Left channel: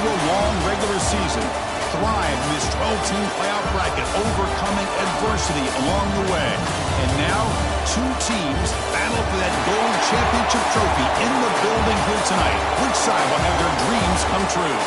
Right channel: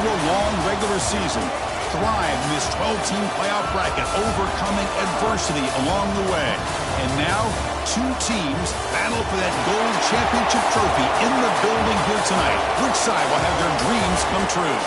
through a long regular season, thrived in this 12-team playoff bracket, overcoming adversity along the way. And now, two teams battle for that gold championship trophy in the building here tonight. Which side will have their dreams come true?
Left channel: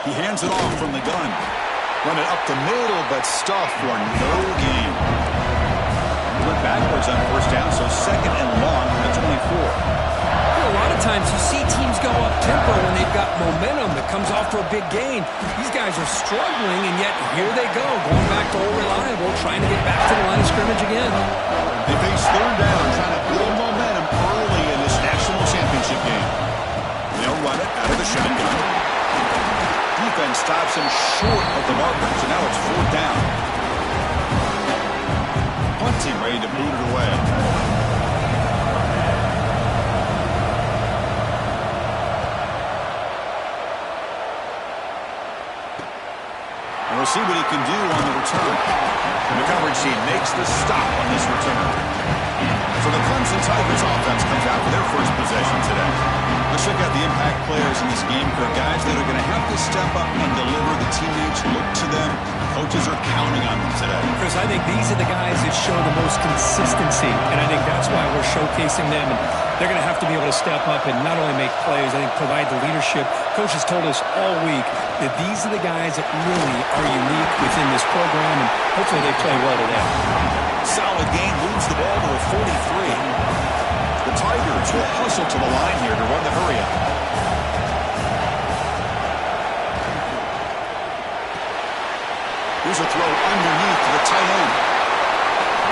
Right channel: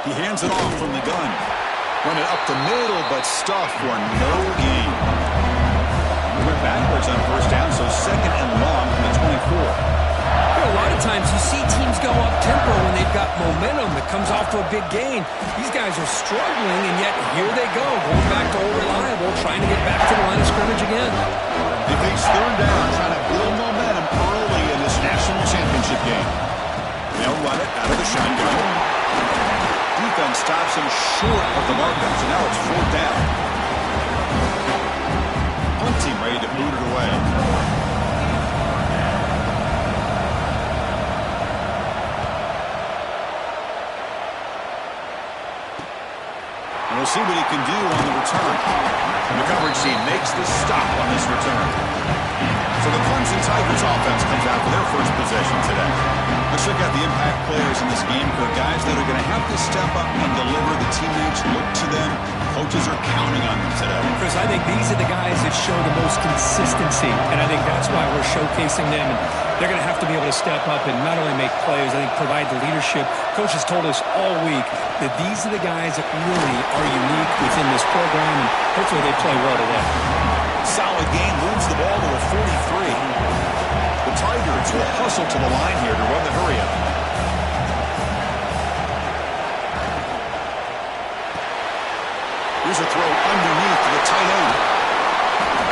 He hands it off from the gun. Run it up the middle, but stuffed for no gain. He went backwards on first down, so second and long from the 24. A lot of times you see teams go up-tempo when they've got momentum that comes off to a big gain. These guys are struggling, and yet here they go, going back to old reliable, trying to get back to the line of scrimmage again. They face third down, trying to build momentum early in this national championship game. They'll run it out of the shotgun. Defense stops him short of the marker, so now it's fourth down. Punt team ready to boot it away. And we'll see what he can do on the return. And the coverage team makes the stop on this return. So the Clemson Tigers offense comes out for their first possession today. Let's check out the impact players in this game, for guys that are going to have to step up and deliver. The teammates look to them. Coaches are counting on them today. Chris, I think these are the guys that show the most consistency, and I think that's why we're showcasing them. And they're going to have to be able to step up and not only make plays, I think provide the leadership. Coach has told us all week that these are the guys that really are unique within this program, and hopefully they play well today. Solid game, moves the ball to a 43. The Tigers will hustle to the line here to run the hurry-up. Here's a throw underneath to the tight end.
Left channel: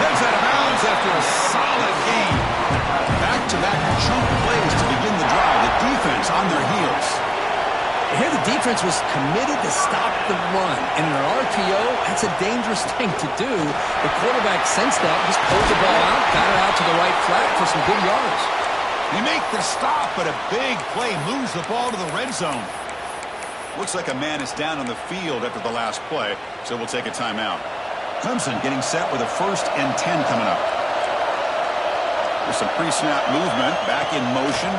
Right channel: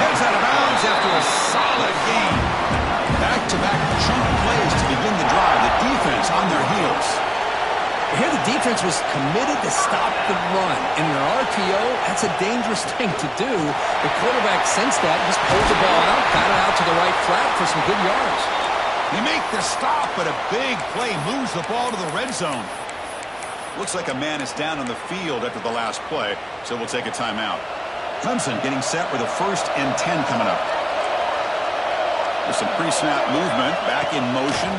Heads out of bounds after a solid gain. Back-to-back chunk plays to begin the drive. The defense on their heels. Here the defense was committed to stop the run. In an RPO, that's a dangerous thing to do. The quarterback sensed that, just pulled the ball out, got it out to the right flat for some good yards. They make the stop, but a big play moves the ball to the red zone. Looks like a man is down on the field after the last play, so we'll take a timeout. Clemson getting set with a 1st and 10 coming up. There's some pre-snap movement, back in motion.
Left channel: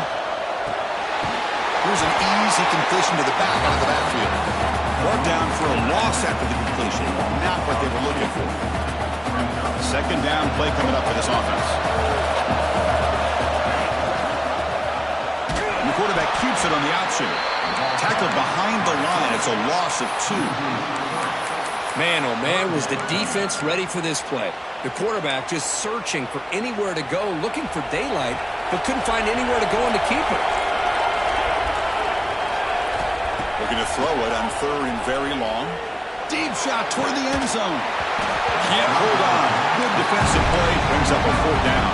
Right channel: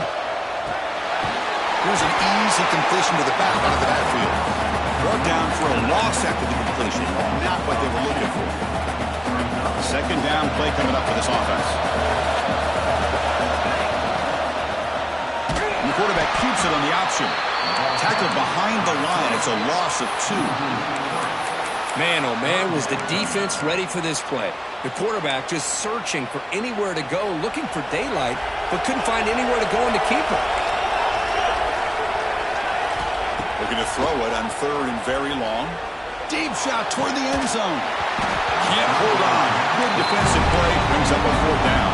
Here's an easy completion to the back out of the backfield. Brought down for a loss after the completion. Not what they were looking for. Second down play coming up for this offense. And the quarterback keeps it on the option. Tackled behind the line. It's a loss of 2. Man, oh man, was the defense ready for this play. The quarterback just searching for anywhere to go, looking for daylight, but couldn't find anywhere to go in the keeper. Looking to throw it on 3rd and very long. Deep shot toward the end zone. Can't hold on. Good defensive play. Brings up a 4th down.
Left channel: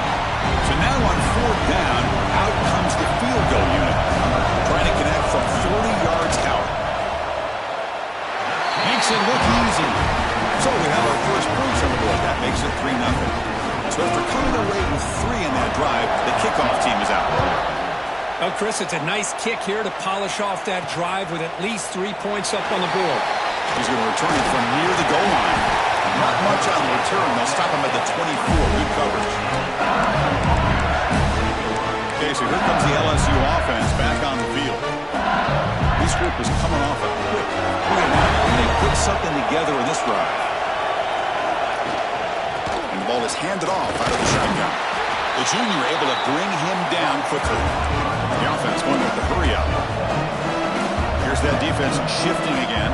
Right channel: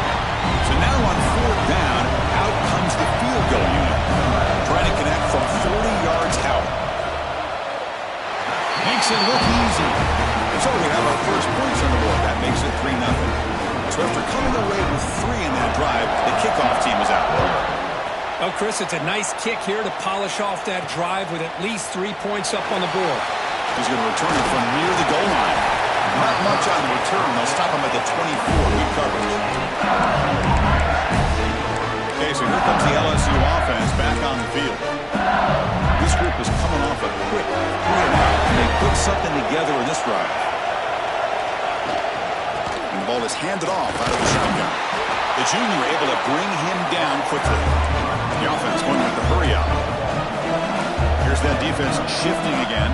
So now on 4th down, out comes the field goal unit. Trying to connect from 40 yards out. Makes it look easy. So we have our first points on the board. That makes it 3-0. So after coming away with 3 in that drive, the kickoff team is out. Well, Chris, it's a nice kick here to polish off that drive with at least 3 points up on the board. He's going to return it from near the goal line. Not much on the return. They'll stop him at the 24. Good coverage. Okay, so here comes the LSU offense back on the field. This group is coming off a quick 3-and-out, and they put something together in this drive. And the ball is handed off out of the shotgun. The junior able to bring him down quickly. The offense going with the hurry-up. Here's that defense shifting again.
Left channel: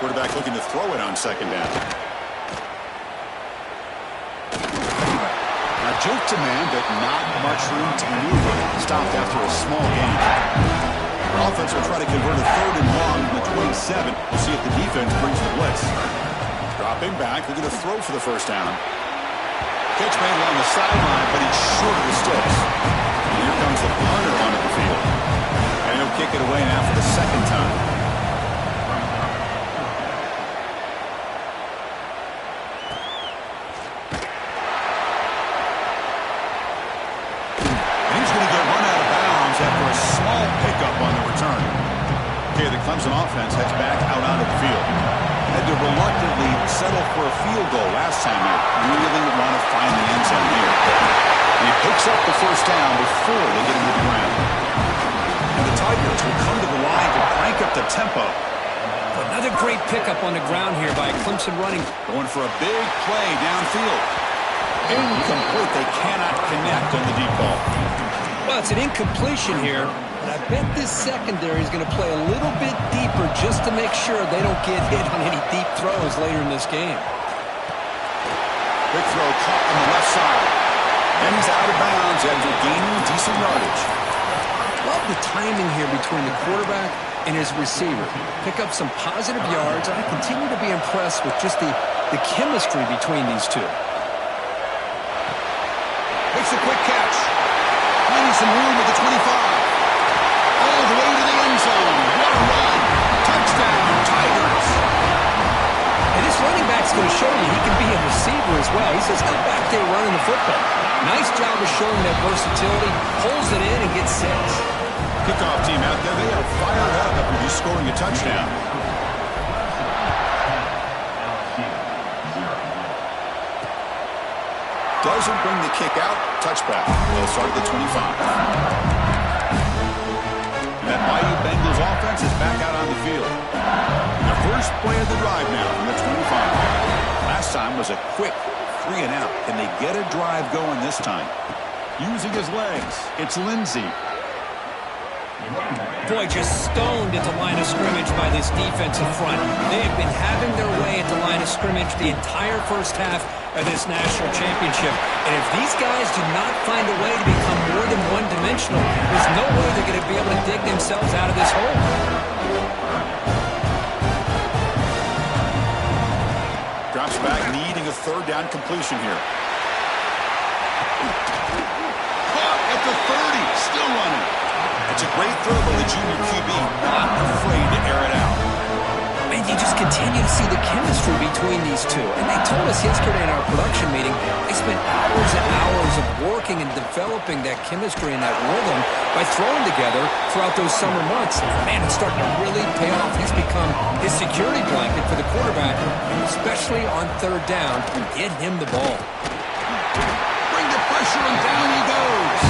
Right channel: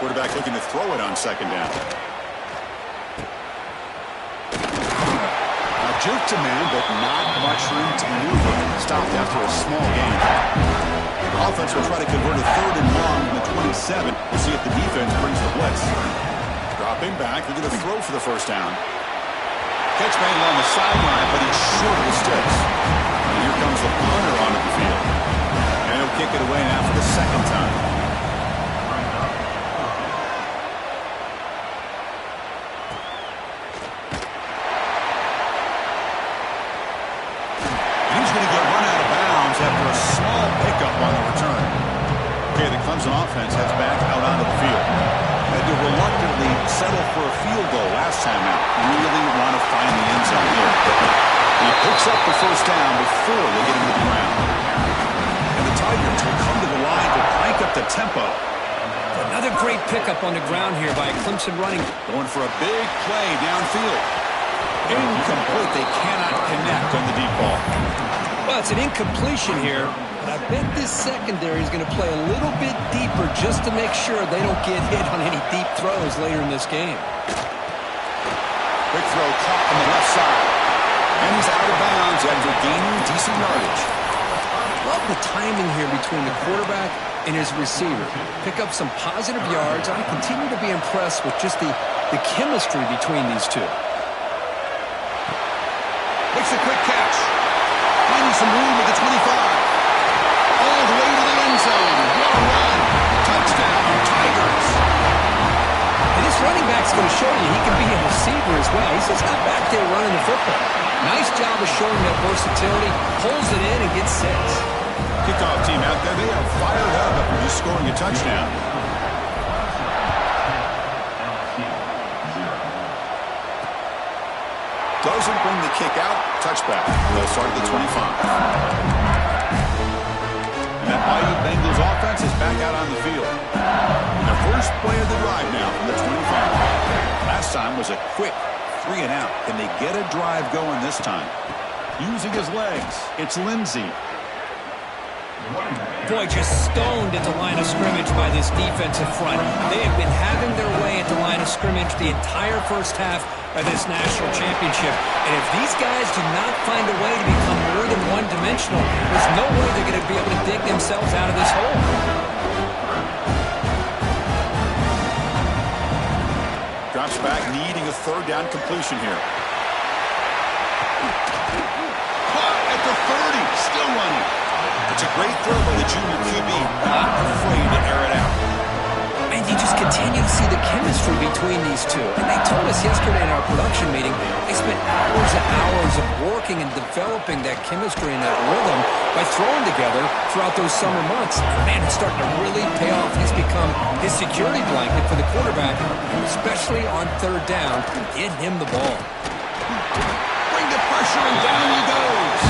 Quarterback looking to throw it on 2nd down. Now Juke to man, but not much room to maneuver. Stopped after a small gain. The offense will try to convert a 3rd and long from the 27. We'll see if the defense brings the blitz. Dropping back, they're going to throw for the first down. Catch made along the sideline, but he's short of the sticks. And here comes the punter onto the field. And he'll kick it away now for the 2nd time. After a small pickup on the return. Okay, the Clemson offense heads back out onto the field. Had to reluctantly settle for a field goal last time out. Really want to find the end zone here. And he picks up the first down before they get him to the ground. And the Tigers will come to the line to crank up the tempo. Another great pickup on the ground here by Clemson running. Going for a big play downfield. Incomplete. They cannot connect on the deep ball. Well, it's an incompletion here, but I bet this secondary is going to play a little bit deeper just to make sure they don't get hit on any deep throws later in this game. Quick throw caught on the left side. And he's out of bounds after gaining decent yardage. Love the timing here between the quarterback and his receiver. Pick up some positive yards, and I continue to be impressed with just the chemistry between these two. Makes a quick catch. Finding some room at the 25. All the way to the end zone. What a run. Touchdown, Tigers. And this running back's going to show you he can be a receiver as well. He's just not back there running the football. Nice job of showing that versatility. Pulls it in and gets 6. Kickoff team out there. They are fired up after just scoring a touchdown. Doesn't bring the kick out. Touchback. They'll start at the 25. And that Bayou Bengals offense is back out on the field. And the first play of the drive now from the 25. Last time was a quick 3 and out. Can they get a drive going this time? Using his legs, it's Lindsey. Boy, just stoned at the line of scrimmage by this defensive front. They have been having their way at the line of scrimmage the entire first half of this national championship. And if these guys do not find a way to become more than one-dimensional, there's no way they're going to be able to dig themselves out of this hole. Drops back, needing a 3rd down completion here. Caught at the 30, still running. It's a great throw by the junior QB, not afraid to air it out. And you just continue to see the chemistry between these two. And they told us yesterday in our production meeting, they spent hours and hours of working and developing that chemistry and that rhythm by throwing together throughout those summer months. Man, it's starting to really pay off. He's become his security blanket for the quarterback, especially on 3rd down. Get him the ball. Bring the pressure, and down he goes.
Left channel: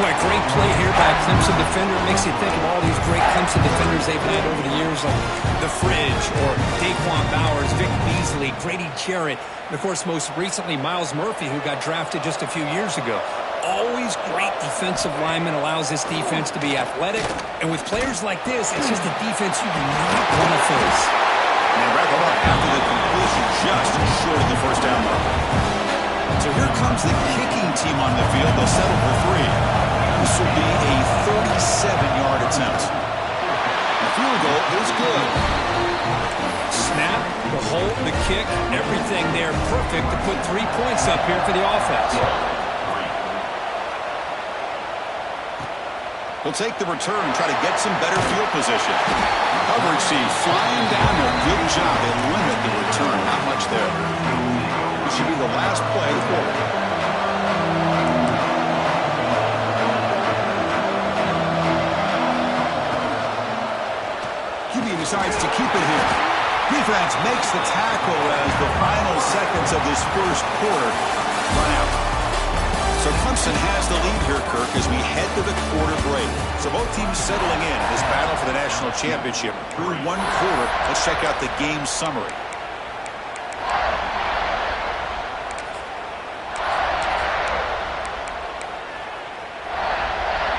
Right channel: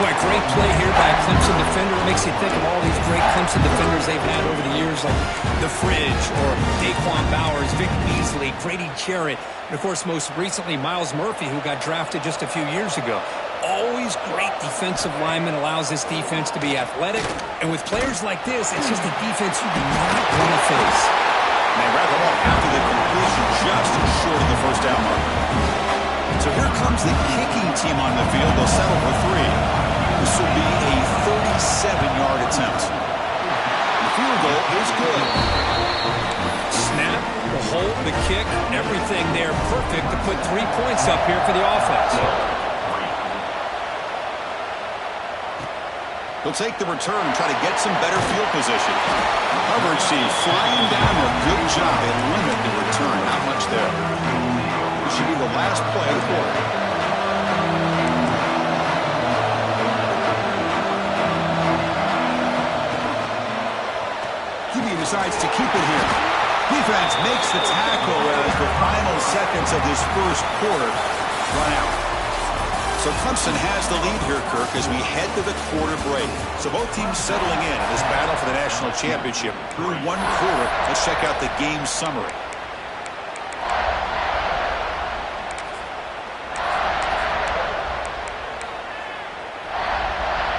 Boy, great play here by a Clemson defender. It makes you think of all these great Clemson defenders they've had over the years, like The Fridge or Daquan Bowers, Vic Beasley, Grady Jarrett, and, of course, most recently, Myles Murphy, who got drafted just a few years ago. Always great defensive lineman, allows this defense to be athletic. And with players like this, it's just a defense you do not want to face. And they wrap him up after the completion, just short of the first down marker. So here comes the kicking team on the field. They'll settle for 3. This will be a 37-yard attempt. The field goal is good. Snap, the hold, the kick, everything there perfect to put 3 points up here for the offense. He'll take the return and try to get some better field position. Coverage team flying down there. Good job. They limit the return. Not much there. This should be the last play of the quarter. Decides to keep it here. Defense makes the tackle as the final seconds of this first quarter run out. So Clemson has the lead here, Kirk, as we head to the quarter break. So both teams settling in this battle for the national championship. Through 1 quarter, let's check out the game summary.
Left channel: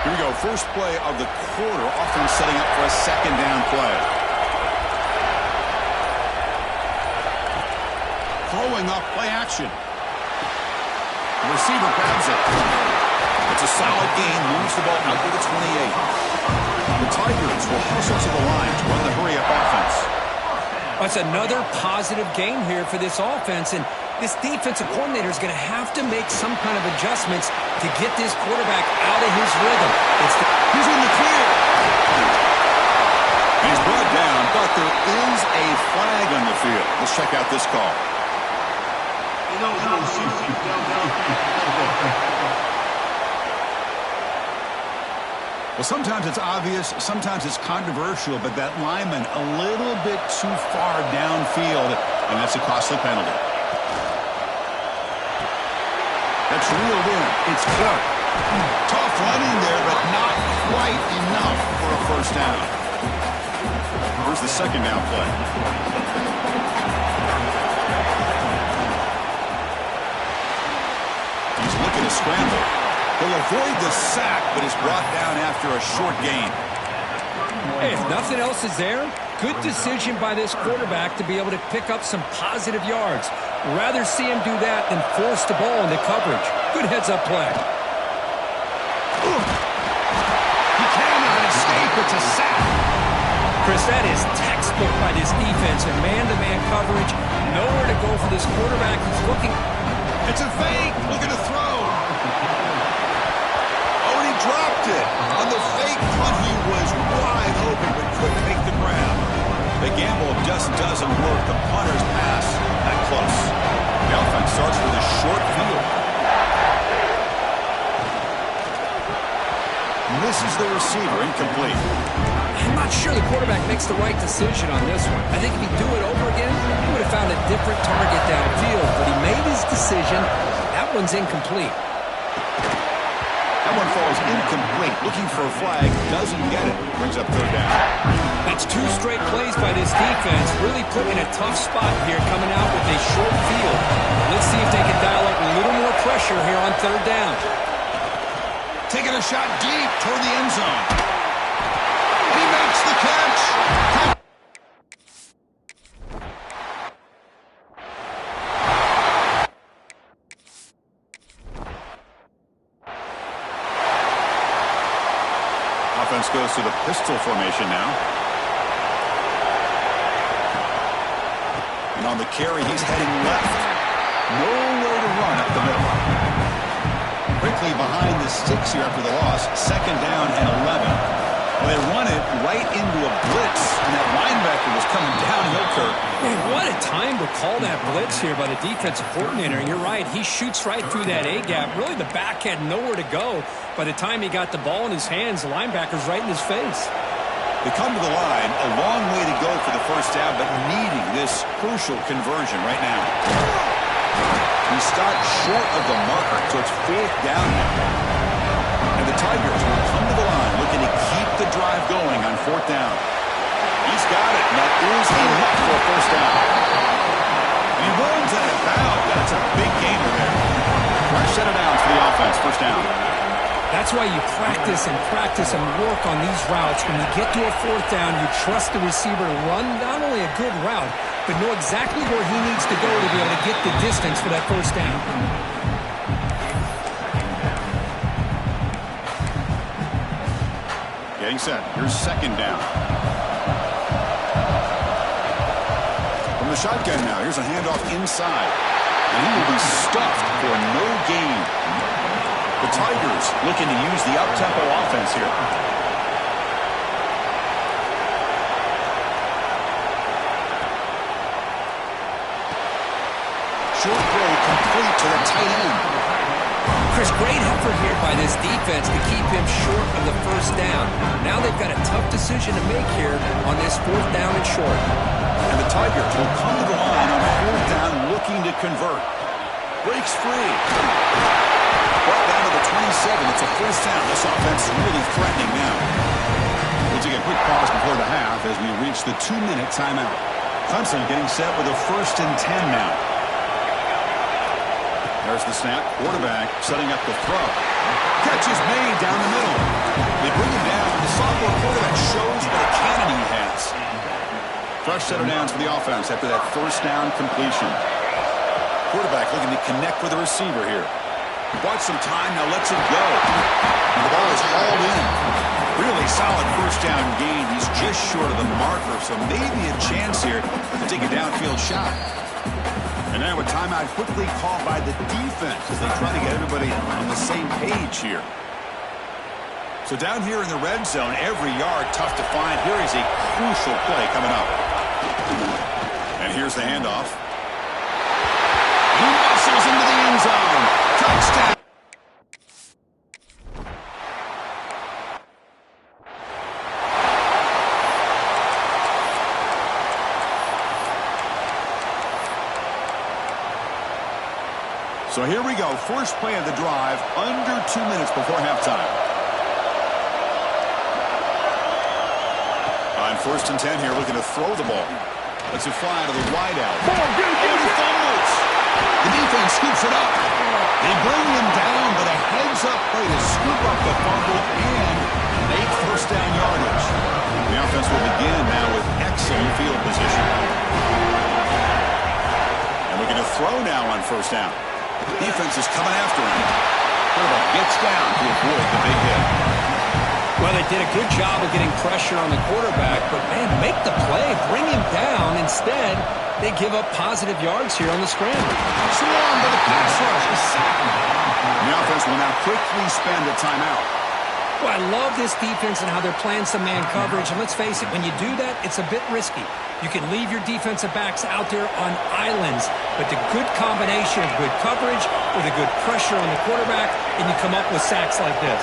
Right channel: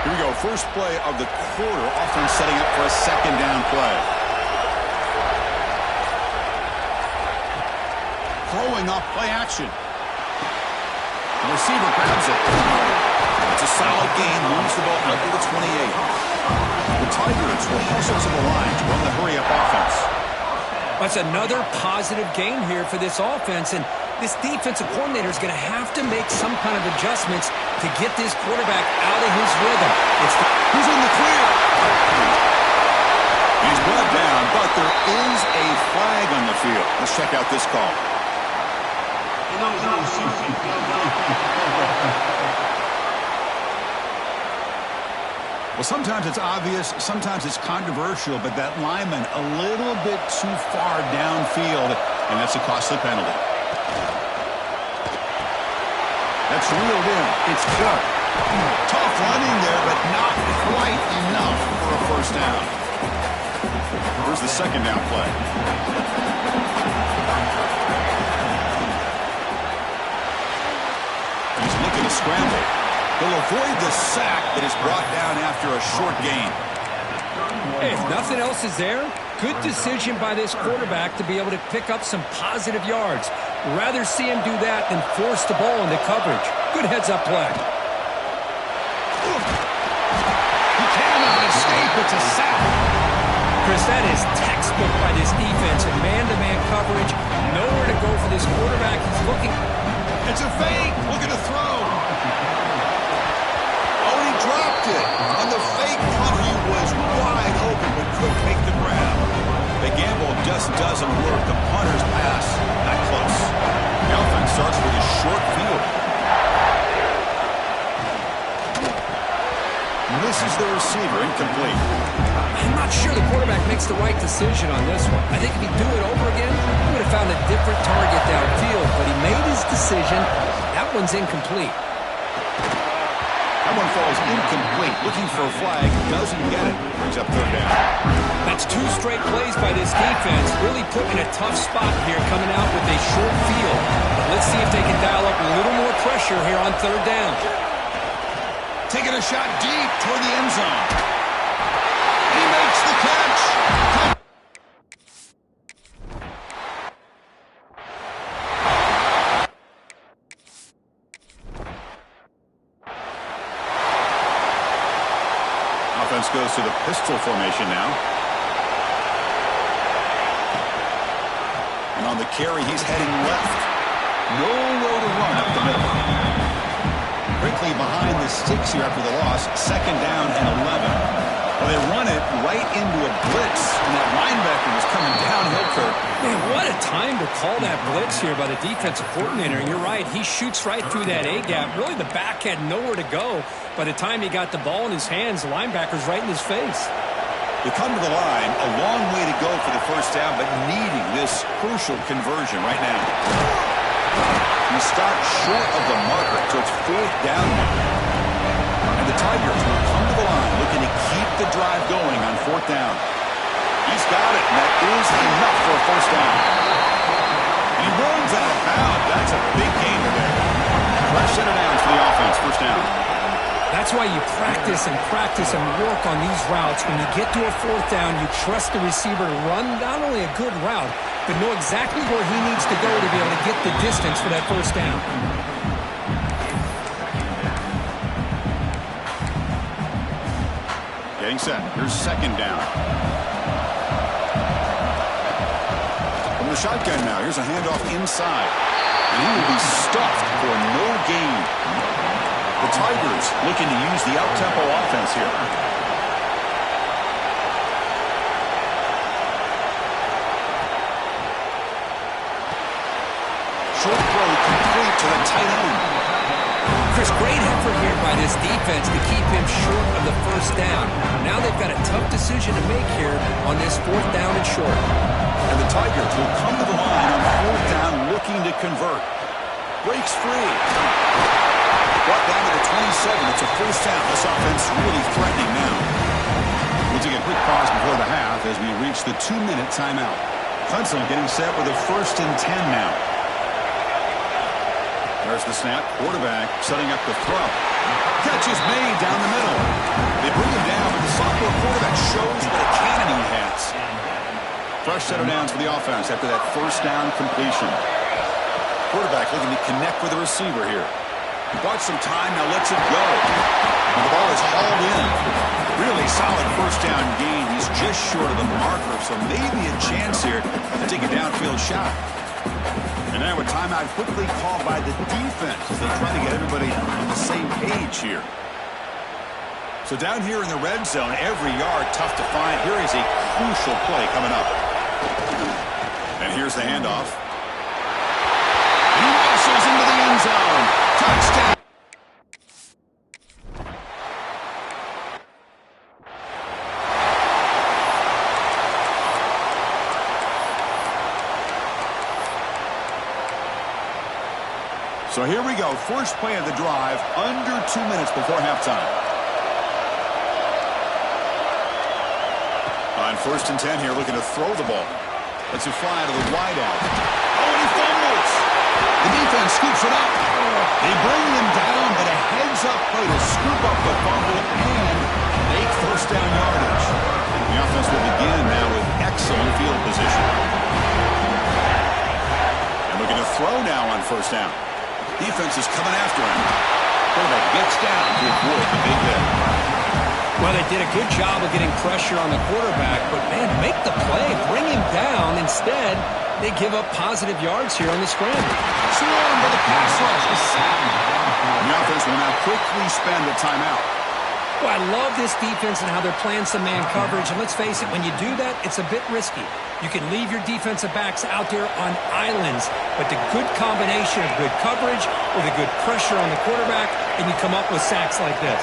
Here we go. First play of the quarter. Offense setting up for a 2nd down play. Throwing off play action. The receiver grabs it. It's a solid gain, moves the ball out to the 28. The Tigers will hustle to the line to run the hurry-up offense. That's another positive gain here for this offense, and this defensive coordinator is going to have to make some kind of adjustments to get this quarterback out of his rhythm. He's in the clear. He's brought down, but there is a flag on the field. Let's check out this call. Well, sometimes it's obvious, sometimes it's controversial, but that lineman a little bit too far downfield, and that's a costly penalty. That's reeled in. It's caught. Tough running there, but not quite enough for a first down. Here's the second down play. He's looking to scramble. He'll avoid the sack, but is brought down after a short gain. Hey, if nothing else is there, good decision by this quarterback to be able to pick up some positive yards. Rather see him do that than force the ball into coverage. Good heads-up play. He cannot escape. It's a sack. Chris, that is textbook by this defense in man-to-man coverage. Nowhere to go for this quarterback. He's looking. It's a fake. Looking to throw. Oh, and he dropped it. On the fake punt, he was wide open but couldn't make the grab. The gamble just doesn't work. The punter's pass not close. The offense starts with a short field. Misses the receiver, incomplete. I'm not sure the quarterback makes the right decision on this one. I think if he'd do it over again, he would have found a different target downfield, but he made his decision. That one's incomplete. That one falls incomplete. Looking for a flag, doesn't get it. Brings up third down. That's two straight plays by this defense. Really put in a tough spot here, coming out with a short field. But let's see if they can dial up a little more pressure here on third down. Taking a shot deep toward the end zone. He makes the catch. Offense goes to the pistol formation now. And on the carry, he's heading left. Nowhere to run up the middle. Quickly behind the sticks here after the loss. Second down and 11. Well, they run it right into a blitz, and that linebacker was coming downhill, Kirk. Man, what a time to call that blitz here by the defensive coordinator. And you're right, he shoots right through that A-gap. Really, the back had nowhere to go. By the time he got the ball in his hands, the linebacker's right in his face. They come to the line, a long way to go for the first down, but needing this crucial conversion right now. He stopped short of the marker, so it's fourth down now. And the Tigers will come to the line looking to keep the drive going on fourth down. He's got it, and that is enough for a first down. And he runs out of bounds. That's a big gainer there. Fresh set of downs for the offense, first down. That's why you practice and work on these routes. When you get to a fourth down, you trust the receiver to run not only a good route, but know exactly where he needs to go to be able to get the distance for that first down. Getting set. Here's second down. From the shotgun now, here's a handoff inside. And he will be stuffed for no gain. The Tigers looking to use the up-tempo offense here. Short throw complete to the tight end. Chris, great effort here by this defense to keep him short of the first down. Now they've got a tough decision to make here on this fourth down and short. And the Tigers will come to the line on fourth down looking to convert. Breaks free. Brought down to the 27. It's a first down. This offense really threatening now. We'll take a quick pause before the half as we reach the 2-minute timeout. Clemson getting set with a 1st and 10 now. There's the snap. Quarterback setting up the throw. Catch is made down the middle. They bring him down, but the sophomore quarterback shows what a cannon he has. Fresh set of downs for the offense after that first down completion. Quarterback looking to connect with the receiver here. Bought some time, now lets it go. And the ball is hauled in. Really solid first down gain. He's just short of the marker, so maybe a chance here to take a downfield shot. And now a timeout quickly called by the defense as they try to get everybody on the same page here. So down here in the red zone, every yard tough to find. Here is a crucial play coming up. And here's the handoff. And he muscles into the end zone. Touchdown. So here we go. First play of the drive, under 2 minutes before halftime. On 1st and 10 here, looking to throw the ball. Lets it fly to the wideout. Oh, and he fumbles. The defense scoops it up. They bring him down, but a heads-up play to scoop up the fumble and make first down yardage. The offense will begin now with excellent field position. And looking to throw now on 1st down. Defense is coming after him. Quarterback gets down to avoid the big hit. Well, they did a good job of getting pressure on the quarterback, but, man, make the play, bring him down. Instead, they give up positive yards here on the scramble. Swarm by the pass rush. A sack. The offense will now quickly spend a timeout. Well, I love this defense and how they're playing some man coverage. And let's face it, when you do that, it's a bit risky. You can leave your defensive backs out there on islands, but the good combination of good coverage with a good pressure on the quarterback, and you come up with sacks like this.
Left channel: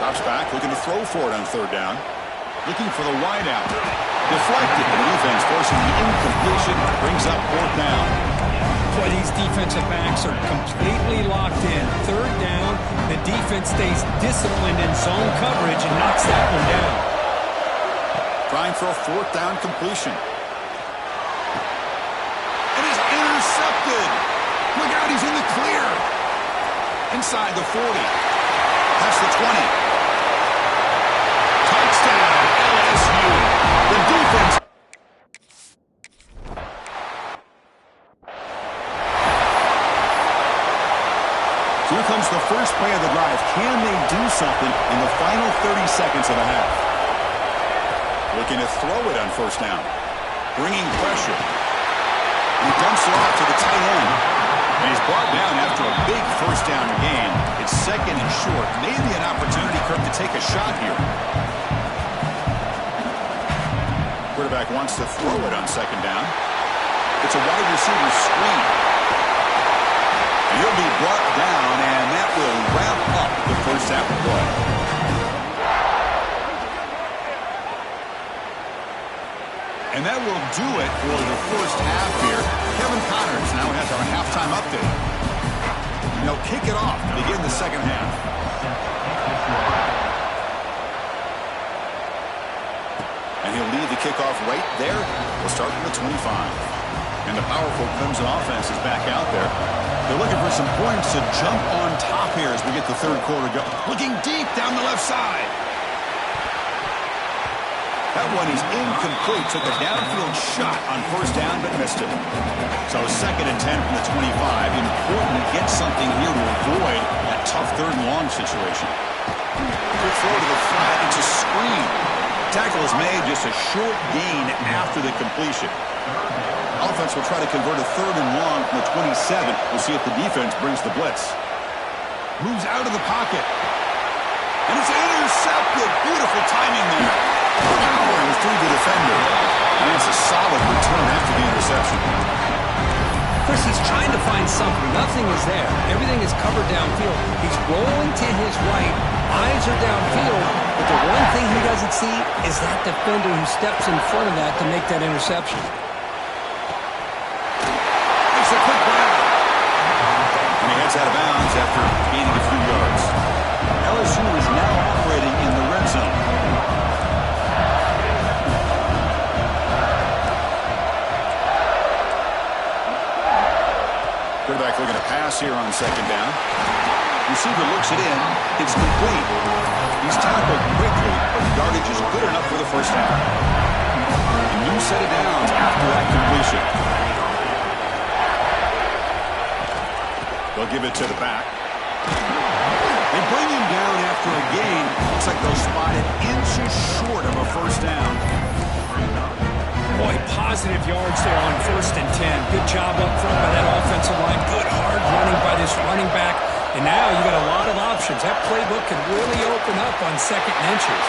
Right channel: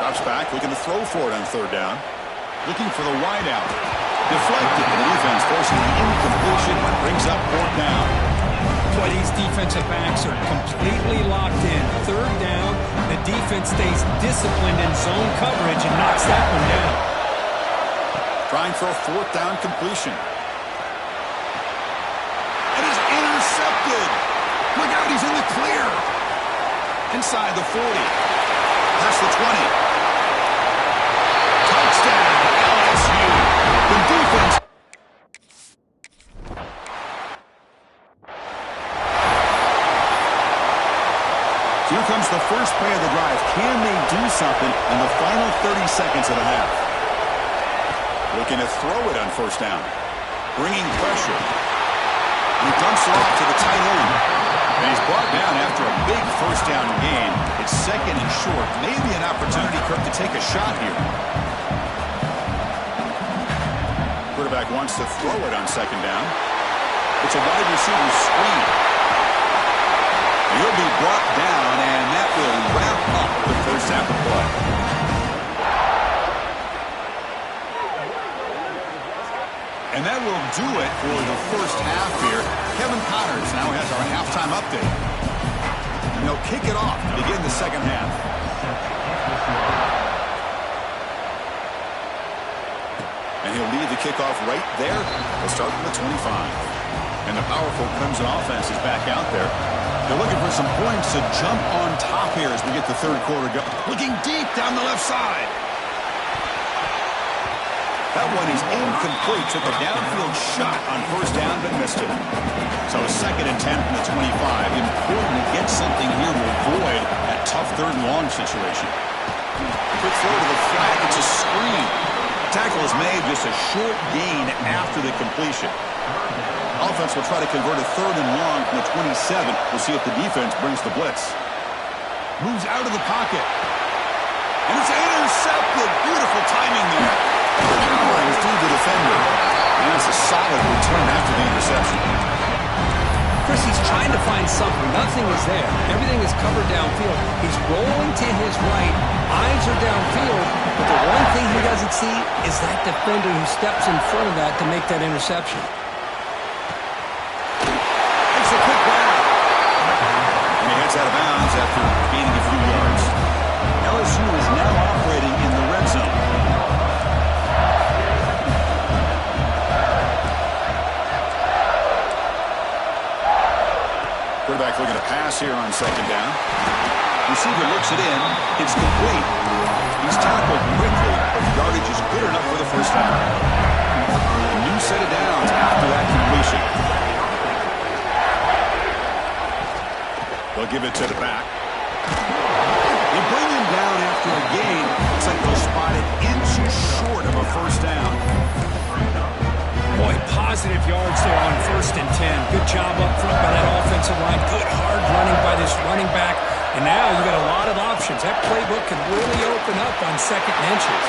Drops back, looking to throw for it on 3rd down. Looking for the wideout. Deflected, and the defense forcing the incompletion. Brings up 4th down. Boy, these defensive backs are completely locked in. 3rd down, the defense stays disciplined in zone coverage and knocks that one down. Trying for a 4th down completion. It is intercepted. Look out, he's in the clear. Inside the 40. Past the 20. Touchdown, LSU. The defense. So here comes the first play of the drive. Can they do something in the final 30 seconds of the half? Looking to throw it on 1st down. Bringing pressure. And he dumps it off to the tight end. And he's brought down after a big first down gain. It's 2nd and short. Maybe an opportunity, Kirk, to take a shot here. Quarterback wants to throw it on 2nd down. It's a wide receiver screen. And he'll be brought down, and that will wrap up the first half of play. And that will do it for the first half here. Kevin Connors now has our halftime update. And they'll kick it off to begin the second half. And he'll lead the kickoff right there. We'll start from the 25. And the powerful Clemson offense is back out there. They're looking for some points to jump on top here as we get the 3rd quarter going. Looking deep down the left side. That one is incomplete. Took a downfield shot on 1st down, but missed it. So 2nd and 10 from the 25. Important to get something here to avoid that tough 3rd and long situation. Quick throw to the flat. It's a screen. Tackle is made, just a short gain after the completion. Offense will try to convert a 3rd and long from the 27. We'll see if the defense brings the blitz. Moves out of the pocket. And it's intercepted. Beautiful timing there. Powering through the defender. And that's a solid return after the interception. Chris, he's trying to find something. Nothing is there. Everything is covered downfield. He's rolling to his right. Eyes are downfield. But the one thing he doesn't see is that defender who steps in front of that to make that interception. Makes a quick grab. And he heads out of bounds after gaining a few yards. LSU is now operating in the red zone. Quarterback looking to pass here on 2nd down. Receiver looks it in. It's complete. He's tackled quickly, but the yardage is good enough for the 1st down. A new set of downs after that completion. They'll give it to the back. They bring him down after a gain. Looks like they'll spot it inches short of a first down. Boy, positive yards there on 1st and 10. Good job up front by that offensive line. Good hard running by this running back. And now you got a lot of options. That playbook can really open up on 2nd and inches.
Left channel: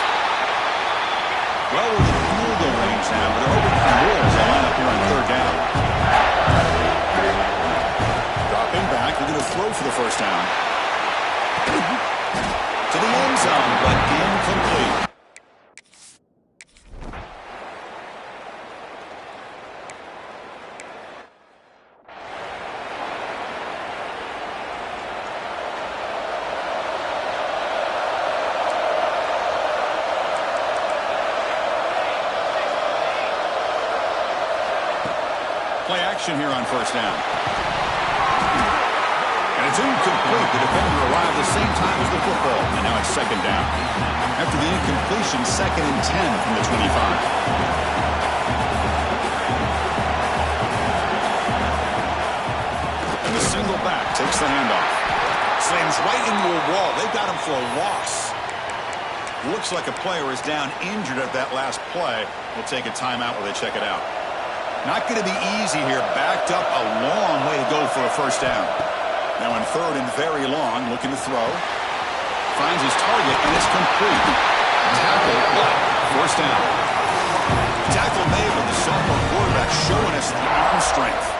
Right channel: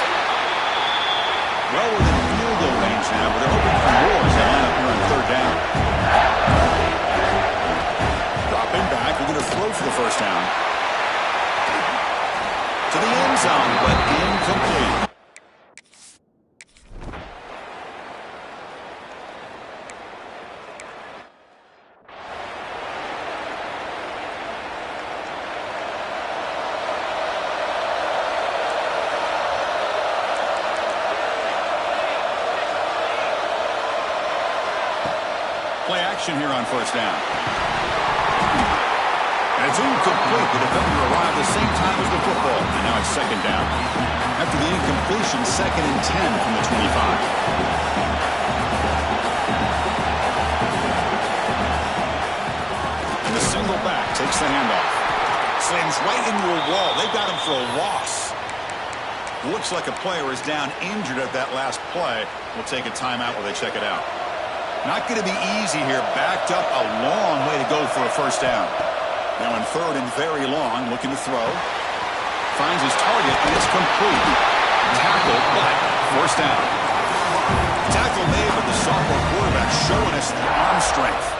Well within field goal range now, but they're hoping for more as they line up here on 3rd down. Dropping back, they're going to throw for the first down. To the end zone, but incomplete. Play action here on 1st down. And it's incomplete. The defender arrived the same time as the football. And now it's 2nd down. After the incompletion, 2nd and 10 from the 25. And the single back takes the handoff. Slams right into a wall. They've got him for a loss. Looks like a player is down injured at that last play. We'll take a timeout while they check it out. Not going to be easy here. Backed up a long way to go for a first down. Now in 3rd and very long, looking to throw. Finds his target, and it's complete. Tackle, but first down. Tackle made, but the sophomore quarterback showing us the arm strength.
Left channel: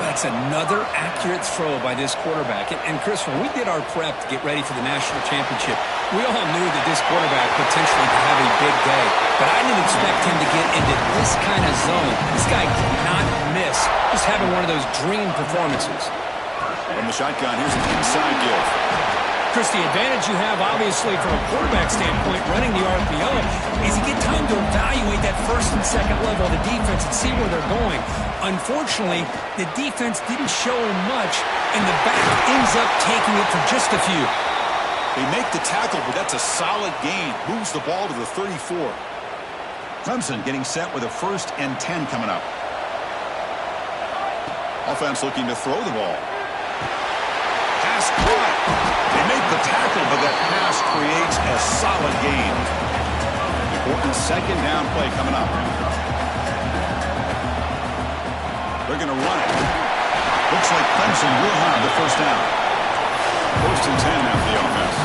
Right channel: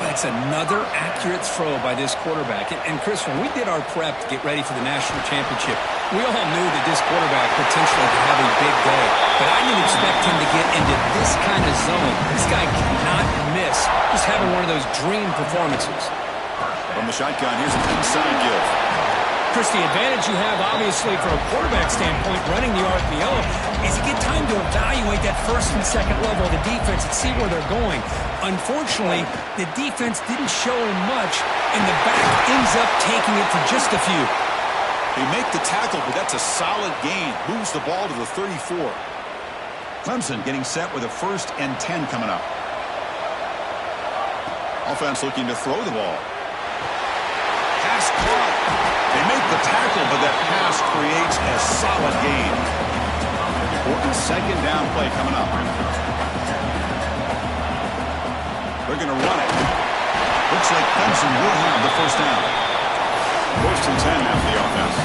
That's another accurate throw by this quarterback. And Chris, when we did our prep to get ready for the national championship, we all knew that this quarterback potentially could have a big day. But I didn't expect him to get into this kind of zone. This guy cannot miss. Just having one of those dream performances. From the shotgun, here's an inside give. Chris, the advantage you have, obviously, from a quarterback standpoint, running the RPO, is you get time to evaluate that 1st and 2nd level of the defense and see where they're going. Unfortunately, the defense didn't show him much, and the back ends up taking it for just a few. They make the tackle, but that's a solid gain. Moves the ball to the 34. Clemson getting set with a 1st and 10 coming up. Offense looking to throw the ball. Pass caught. They make the tackle, but that pass creates a solid gain. Important 2nd down play coming up. They're going to run it. Looks like Clemson will have the first down. 1st and 10 now for the offense.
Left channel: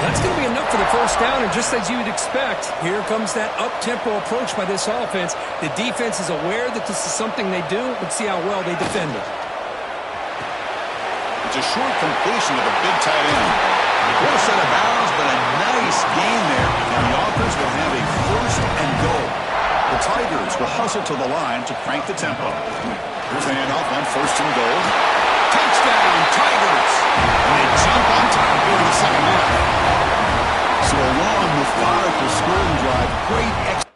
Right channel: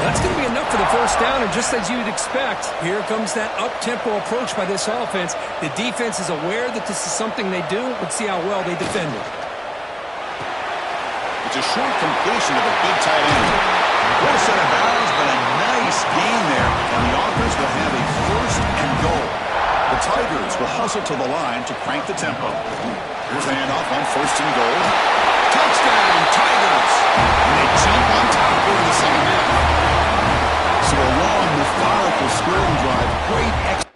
That's going to be enough for the first down, and just as you would expect, here comes that up-tempo approach by this offense. The defense is aware that this is something they do. Let's see how well they defend it. It's a short completion to the big tight end. What a set of bounds, but a nice gain there, and the offense will have a 1st and goal. The Tigers will hustle to the line to crank the tempo. Here's the handoff on 1st and goal. Touchdown, Tigers! And they jump on top here in the 2nd half. So a long, methodical scoring drive. Great execution.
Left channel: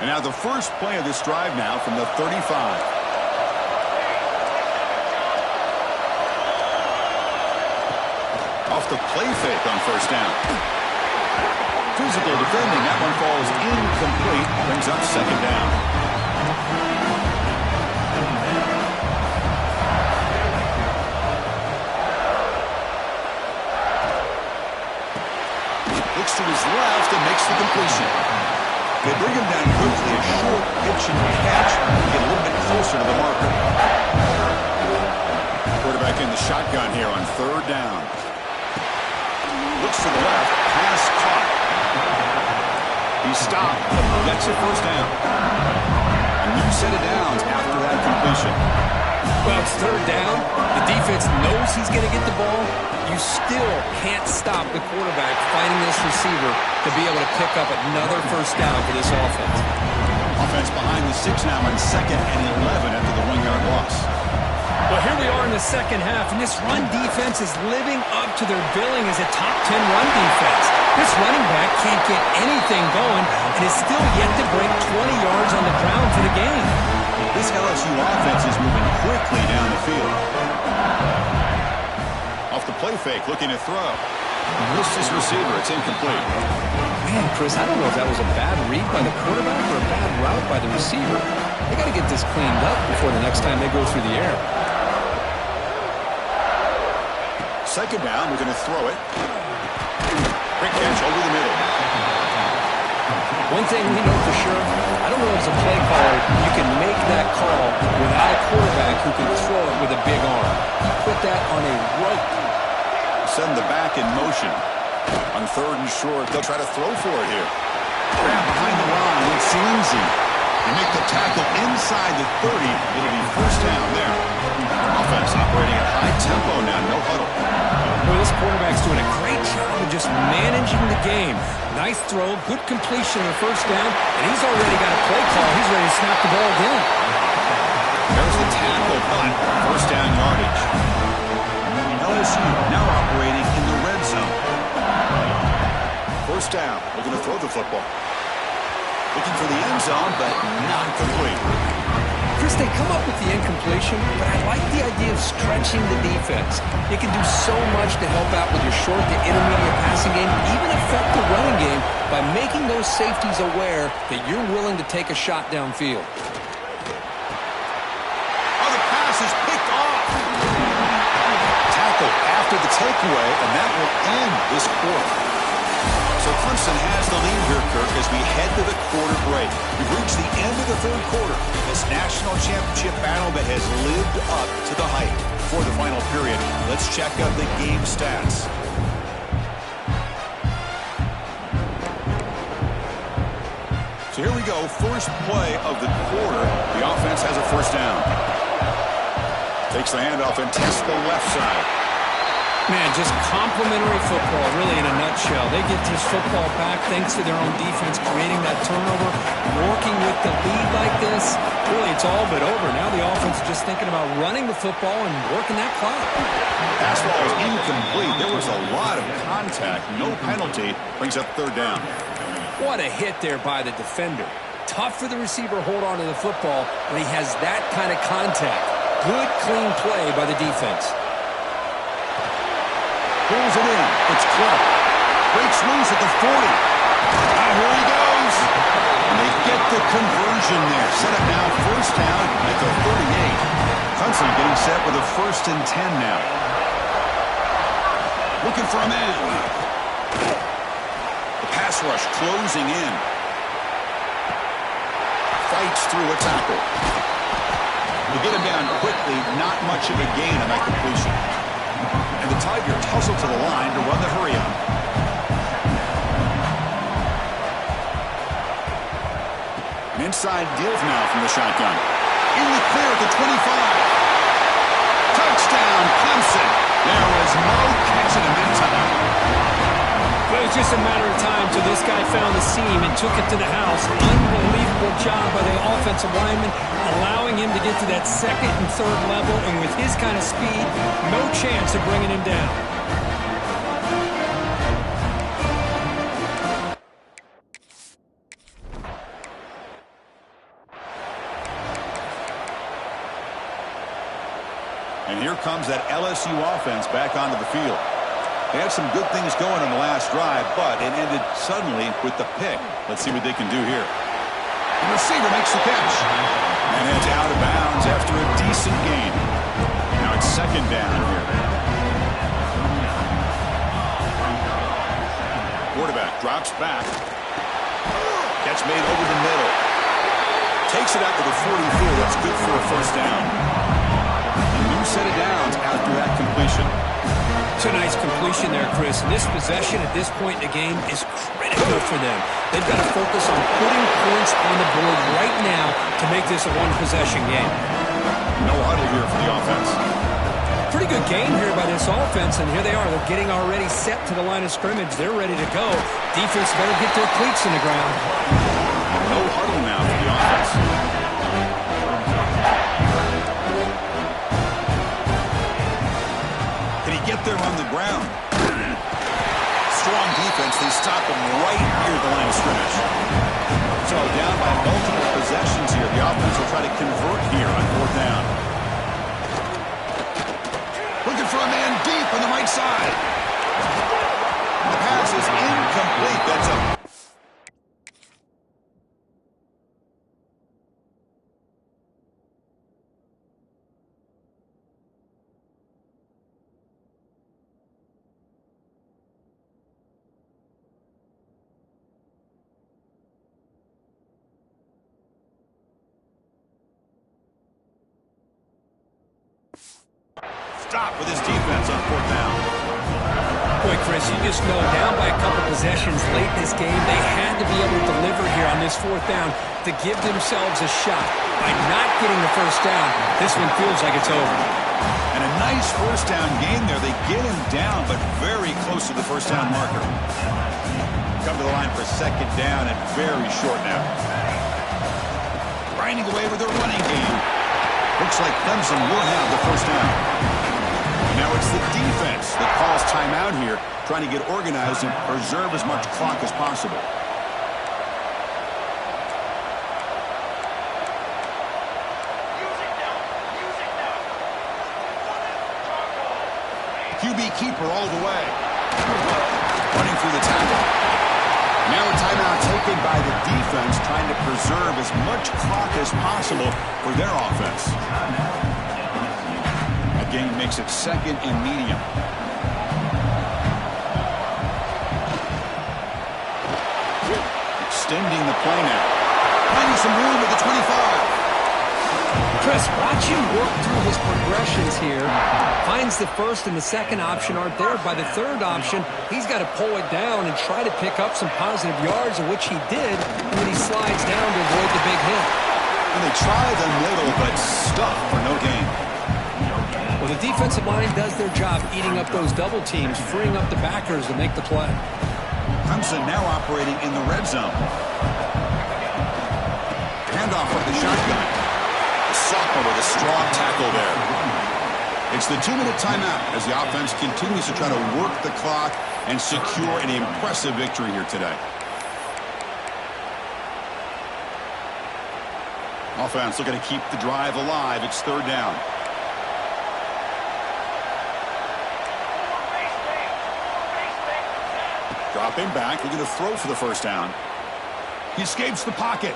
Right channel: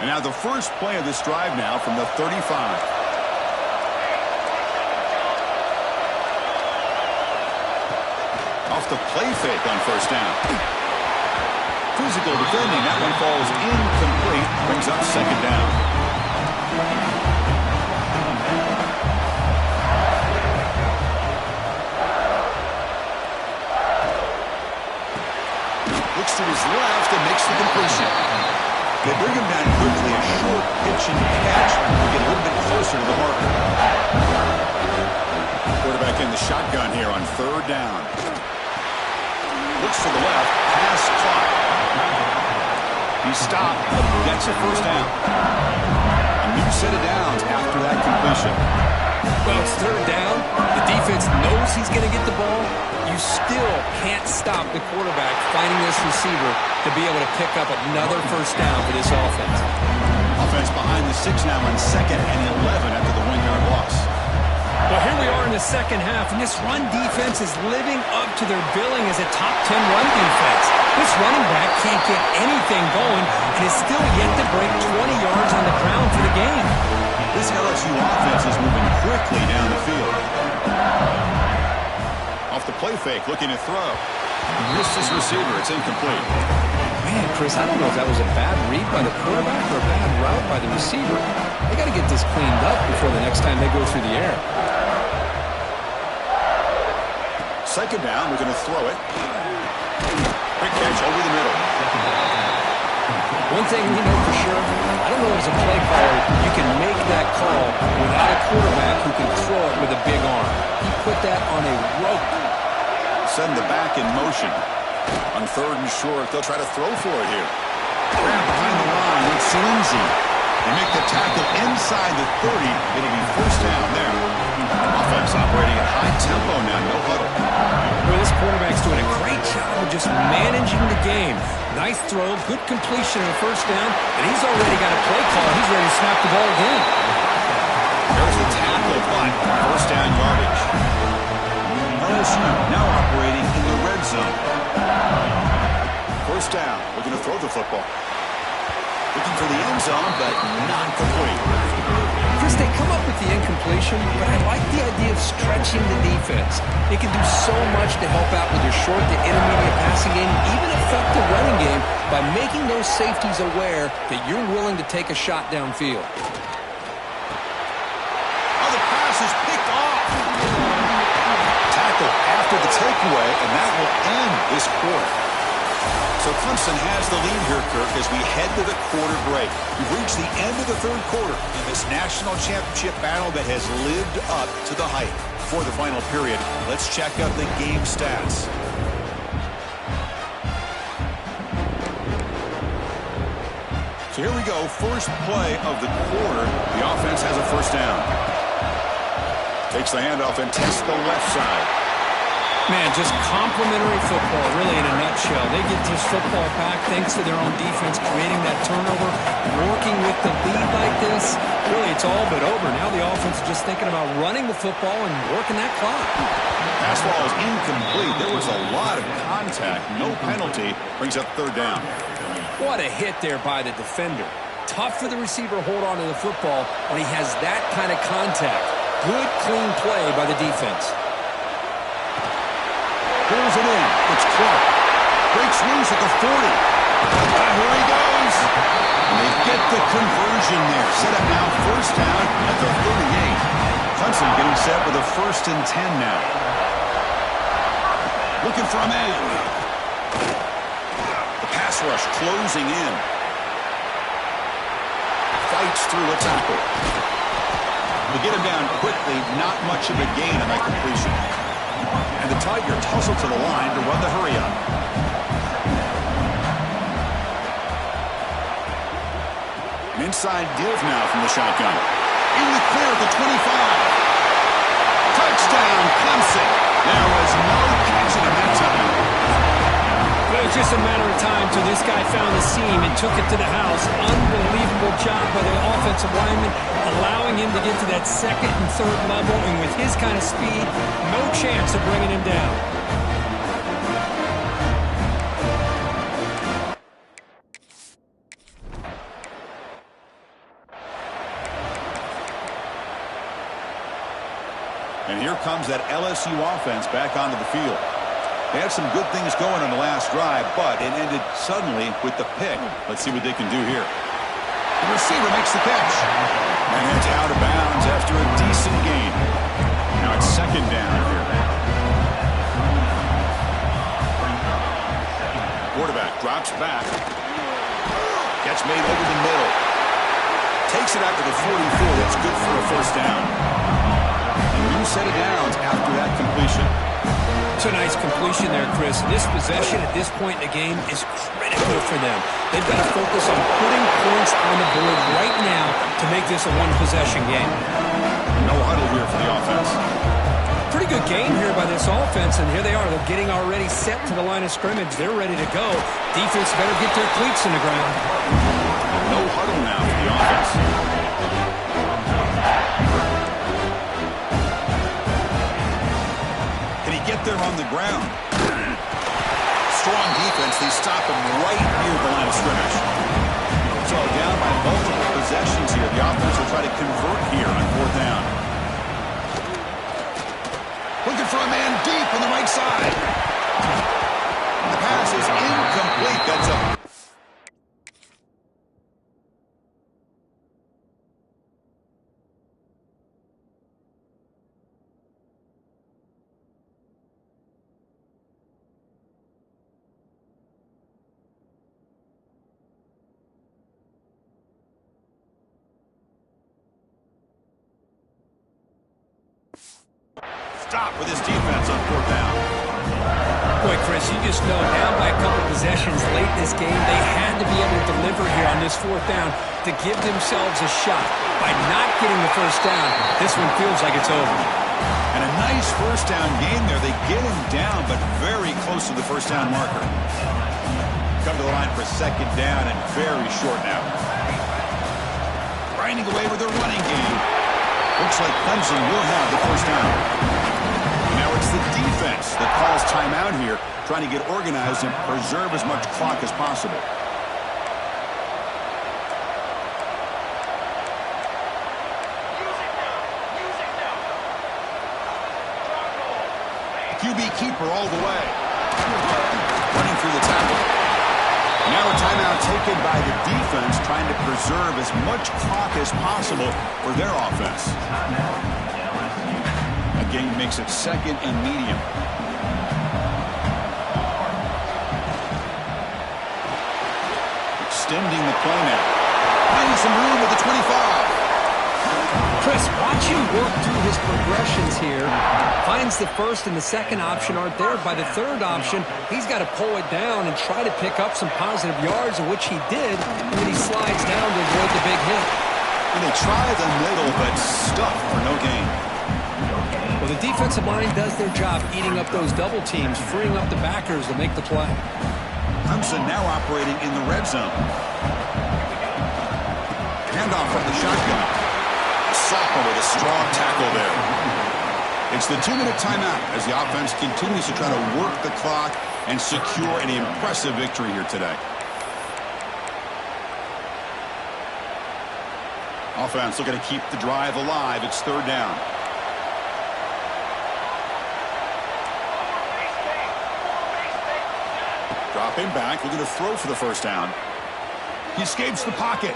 And now the first play of this drive now from the 35. Off the play fake on 1st down. Physical defending. That one falls incomplete. Brings up 2nd down. Looks to his left and makes the completion. They bring him down quickly. A short pitch and catch to get a little bit closer to the marker. Quarterback in the shotgun here on 3rd down. Looks to the left. Pass caught. He stopped, but he gets a first down. A new set of downs after that completion. Well, it's 3rd down. The defense knows he's going to get the ball. You still can't stop the quarterback finding this receiver to be able to pick up another first down for this offense. Offense behind the 6 now on 2nd and 11 after the 1-yard loss. Well, here we are in the 2nd half, and this run defense is living up to their billing as a top 10 run defense. This running back can't get anything going and is still yet to break 20 yards on the ground for the game. This LSU offense is moving quickly down the field. Off the play fake, looking to throw. Missed his receiver. It's incomplete. Man, Chris, I don't know if that was a bad read by the quarterback or a bad route by the receiver. They got to get this cleaned up before the next time they go through the air. Second down, we're going to throw it. Quick catch over the middle. One thing we know for sure, I don't know as a play caller, you can make that call without a quarterback who can throw it with a big arm. He put that on a rope. Send the back in motion. On third and short, they'll try to throw for it here. Grab behind the line. It's Lindsey. They make the tackle inside the 30. It'll be first down there. Offense operating at high tempo now. No huddle. Boy, this quarterback's doing a great job of just managing the game. Nice throw, good completion on the first down, and he's already got a play call. He's ready to snap the ball again. There's the tackle, but first down yardage. LSU now operating in the red zone. First down. We're going to throw the football. Looking for the end zone, but not complete. Chris, they come up with the incompletion, but I like the idea of stretching the defense. It can do so much to help out with your short to intermediate passing game, even affect the running game by making those safeties aware that you're willing to take a shot downfield. Oh, the pass is picked off. Tackle after the takeaway, and that will end this quarter. So Clemson has the lead here, Kirk, as we head to the quarter break. We've reached the end of the third quarter in this national championship battle that has lived up to the hype. For the final period, let's check out the game stats. So here we go, first play of the quarter. The offense has a first down. Takes the handoff and tests the left side. Man, just complimentary football, really, in a nutshell. They get this football back thanks to their own defense, creating that turnover, working with the lead like this. Really, it's all but over. Now the offense is just thinking about running the football and working that clock. Pass ball is incomplete. There was a lot of contact. No penalty. Brings up third down. What a hit there by the defender. Tough for the receiver to hold on to the football when he has that kind of contact. Good, clean play by the defense. Pulls it in. It's Clark. Breaks loose at the 40. Here he goes. And they get the conversion there. Set up now first down at the 38. Clemson getting set with a 1st and 10 now. Looking for a man. The pass rush closing in. Fights through a tackle. They get him down quickly. Not much of a gain on that completion. And the Tigers hustle to the line to run the hurry-up. An inside give now from the shotgun. In the clear at the 25. Touchdown, Clemson. There was no catching him that time. Well, it was just a matter of time till this guy found the seam and took it to the house. Unbelievable job by the offensive lineman, allowing him to get to that second and third level, and with his kind of speed, no chance of bringing him down. And here comes that LSU offense back onto the field. They had some good things going on the last drive, but it ended suddenly with the pick. Let's see what they can do here. The receiver makes the catch. And heads out of bounds after a decent gain. Now it's second down here. Quarterback drops back. Catch made over the middle. Takes it out to the 44. That's good for a first down. A new set of downs after that completion. It's a nice completion there, Chris. This possession at this point in the game is critical for them. They've got to focus on putting points on the board right now to make this a one-possession game. No huddle here for the offense. Pretty good game here by this offense, and here they are. They're getting already set to the line of scrimmage. They're ready to go. Defense better get their cleats in the ground. No huddle now for the offense. Can he get there on the ground? Strong defense. They stop him right near the line of scrimmage. So down by multiple possessions here. The offense will try to convert here on fourth down. Looking for a man deep on the right side. pass is incomplete. That's a... Stop with his defense on fourth down. Boy, Chris, you just know down by a couple possessions late in this game, they had to be able to deliver here on this fourth down to give themselves a shot. By not getting the first down, this one feels like it's over. And a nice first down game there. They get him down, but very close to the first down marker. Come to the line for second down and very short now. Grinding away with their running game. Looks like Clemson will have the first down. And now it's the defense that calls timeout here, trying to get organized and preserve as much clock as possible. QB keeper all the way. Running through the tackle. Now a timeout taken by the defense, trying to preserve as much clock as possible for their offense. That gain makes it second and medium. Extending the play now. Finding some room at the 25. Chris, watch him work through his progressions here. Finds the first and the second option aren't there. By the third option, he's got to pull it down and try to pick up some positive yards, of which he did, and then he slides down to avoid the big hit. And they try the middle, but stuck for no gain. Well, the defensive line does their job eating up those double teams, freeing up the backers to make the play. Clemson now operating in the red zone. Handoff from the shotgun. The sophomore with a strong tackle there. It's the 2-minute timeout as the offense continues to try to work the clock and secure an impressive victory here today. Offense looking to keep the drive alive. It's third down. Dropping back, looking to throw for the first down. He escapes the pocket.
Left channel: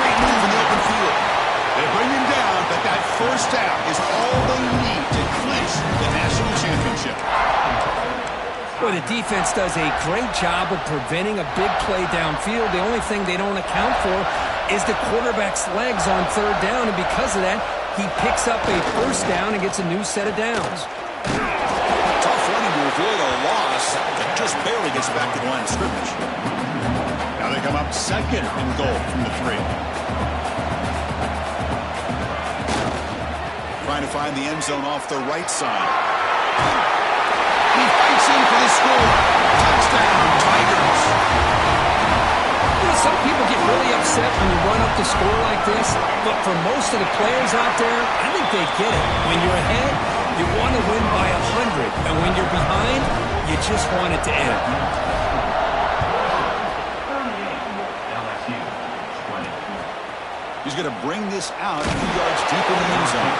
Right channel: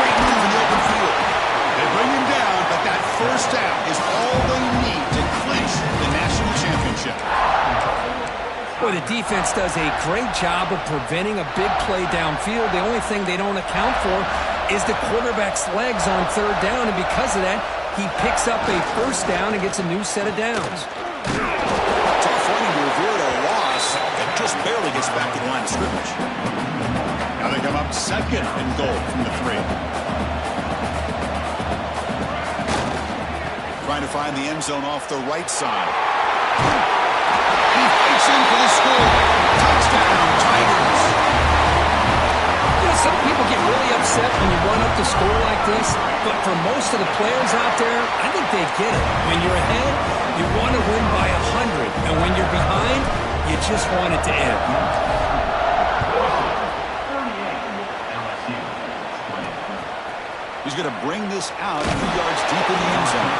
Great move in the open field. They bring him down, but that first down is all they need to clinch the national championship. Well, the defense does a great job of preventing a big play downfield. The only thing they don't account for is the quarterback's legs on third down, and because of that, he picks up a first down and gets a new set of downs. Tough running to avoid a loss that just barely gets back to the line of scrimmage. Now they come up second and goal from the 3. Trying to find the end zone off the right side. And he fights in for the score. Touchdown, Tigers. You know, some people get really upset when you run up the score like this, but for most of the players out there, I think they get it. When you're ahead, you want to win by 100, and when you're behind, you just want it to end. He's going to bring this out a few yards deep in the end zone.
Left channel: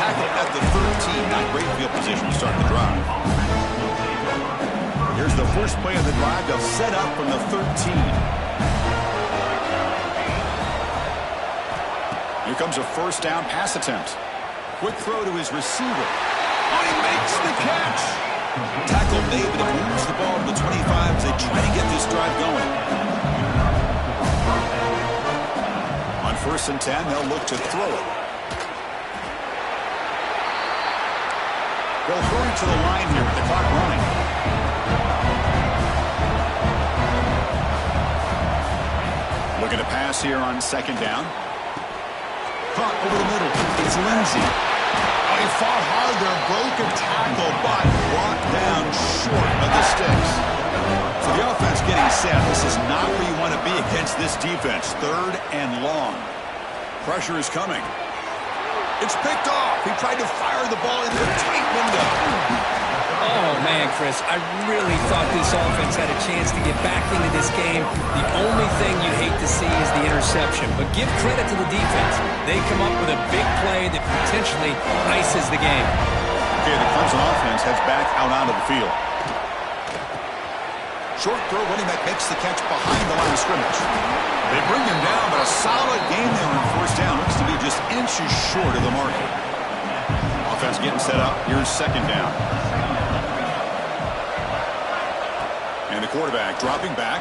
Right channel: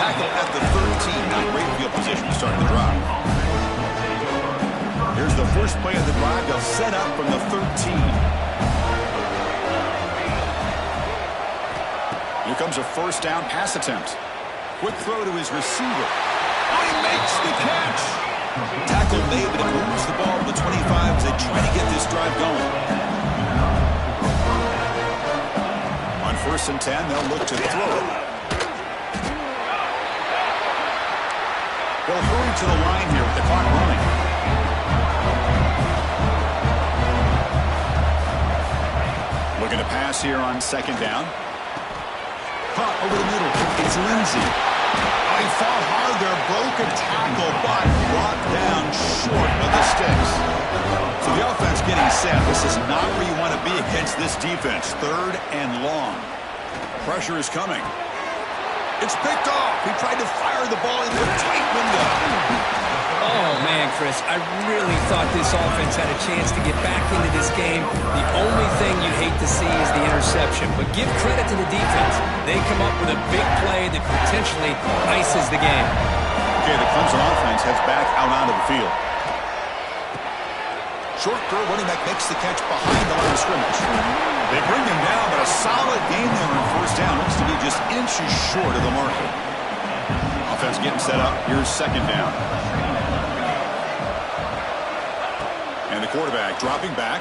Tackle at the 13. Not great field position to start the drive. Here's the first play of the drive. They'll set up from the 13. Here comes a first down pass attempt. Quick throw to his receiver. Oh, he makes the catch. Tackle made, but it moves the ball to the 25 as they try to get this drive going. On 1st and 10, they'll look to throw it. They'll hurry to the line here with the clock running. Looking to pass here on 2nd down. Caught over the middle. It's Lindsey. Oh, he fought hard there, broke a tackle, but brought down short of the sticks. So the offense getting set. This is not where you want to be against this defense. 3rd and long. Pressure is coming. It's picked off. He tried to fire the ball into a tight window. Oh, man, Chris, I really thought this offense had a chance to get back into this game. The only thing you hate to see is the interception. But give credit to the defense. They come up with a big play that potentially ices the game. Okay, the Clemson offense heads back out onto the field. Short throw, running back makes the catch behind the line of scrimmage. They bring him down, but a solid gain there on first down. Looks to be just inches short of the marker. Offense getting set up. Here's second down. And the quarterback dropping back.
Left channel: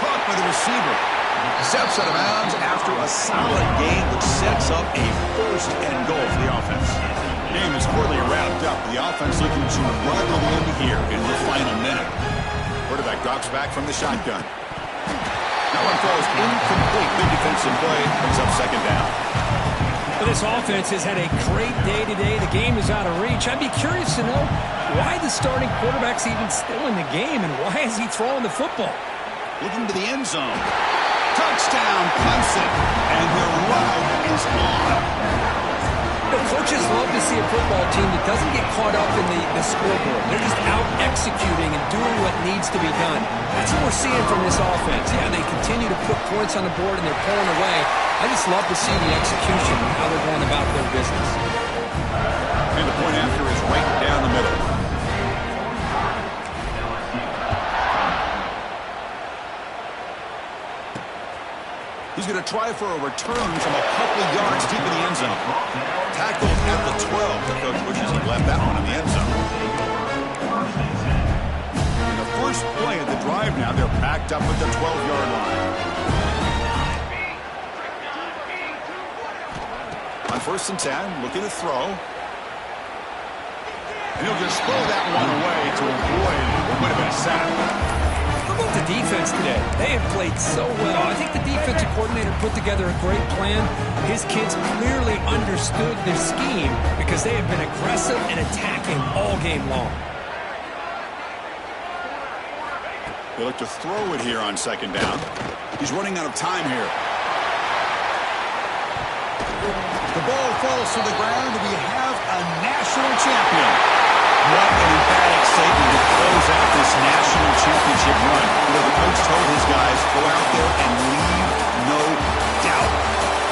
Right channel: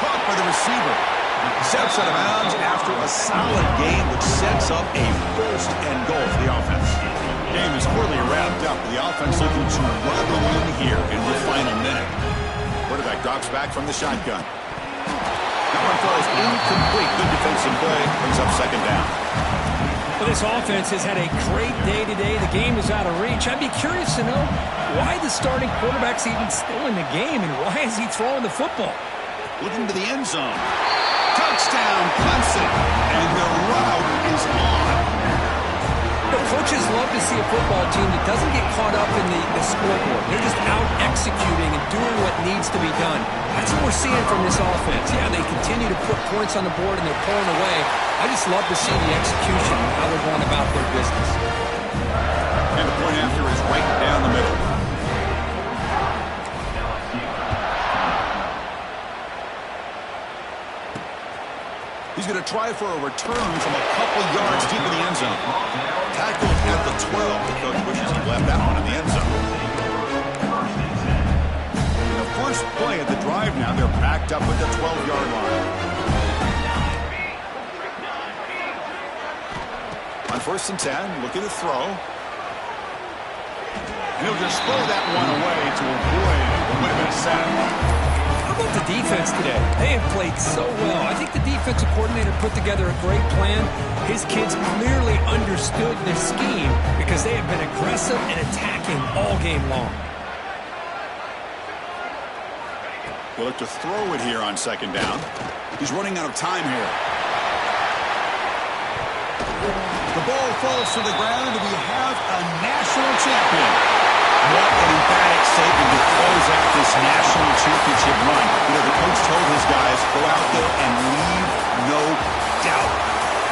Caught by the receiver. Steps out of bounds after a solid gain, which sets up a first and goal for the offense. Game is clearly wrapped up. The offense looking to run the win here in the final minute. Quarterback drops back from the shotgun. That one falls incomplete. Good defensive play. Brings up second down. Well, this offense has had a great day today. The game is out of reach. I'd be curious to know why the starting quarterback's even still in the game and why is he throwing the football? Looking to the end zone. Touchdown, Clemson. And their route is on. The coaches love to see a football team that doesn't get caught up in the scoreboard. They're just out executing and doing what needs to be done. That's what we're seeing from this offense. Yeah, they continue to put points on the board and they're pulling away. I just love to see the execution and how they're going about their business. And the point after is right down the middle. He's going to try for a return from a couple yards deep in the end zone. Tackled at the 12. The coach wishes he left that one in the end zone. In the first play of the drive now, they're backed up at the 12-yard line. On 1st and 10, looking to throw. And he'll just throw that one away to avoid what would have been a sack. How about the defense today? They have played so well. I think the defensive coordinator put together a great plan. His kids clearly understood their scheme because they have been aggressive and attacking all game long. They look to throw it here on second down. He's running out of time here. The ball falls to the ground, and we have a national champion. What an emphatic statement to close out this national championship run. You know, the coach told his guys, go out there and leave no doubt.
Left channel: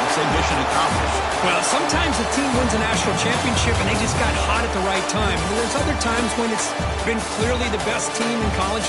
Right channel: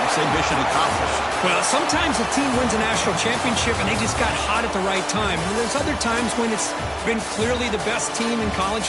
I'd say mission accomplished. Well, sometimes a team wins a national championship and they just got hot at the right time. And there's other times when it's been clearly the best team in college football.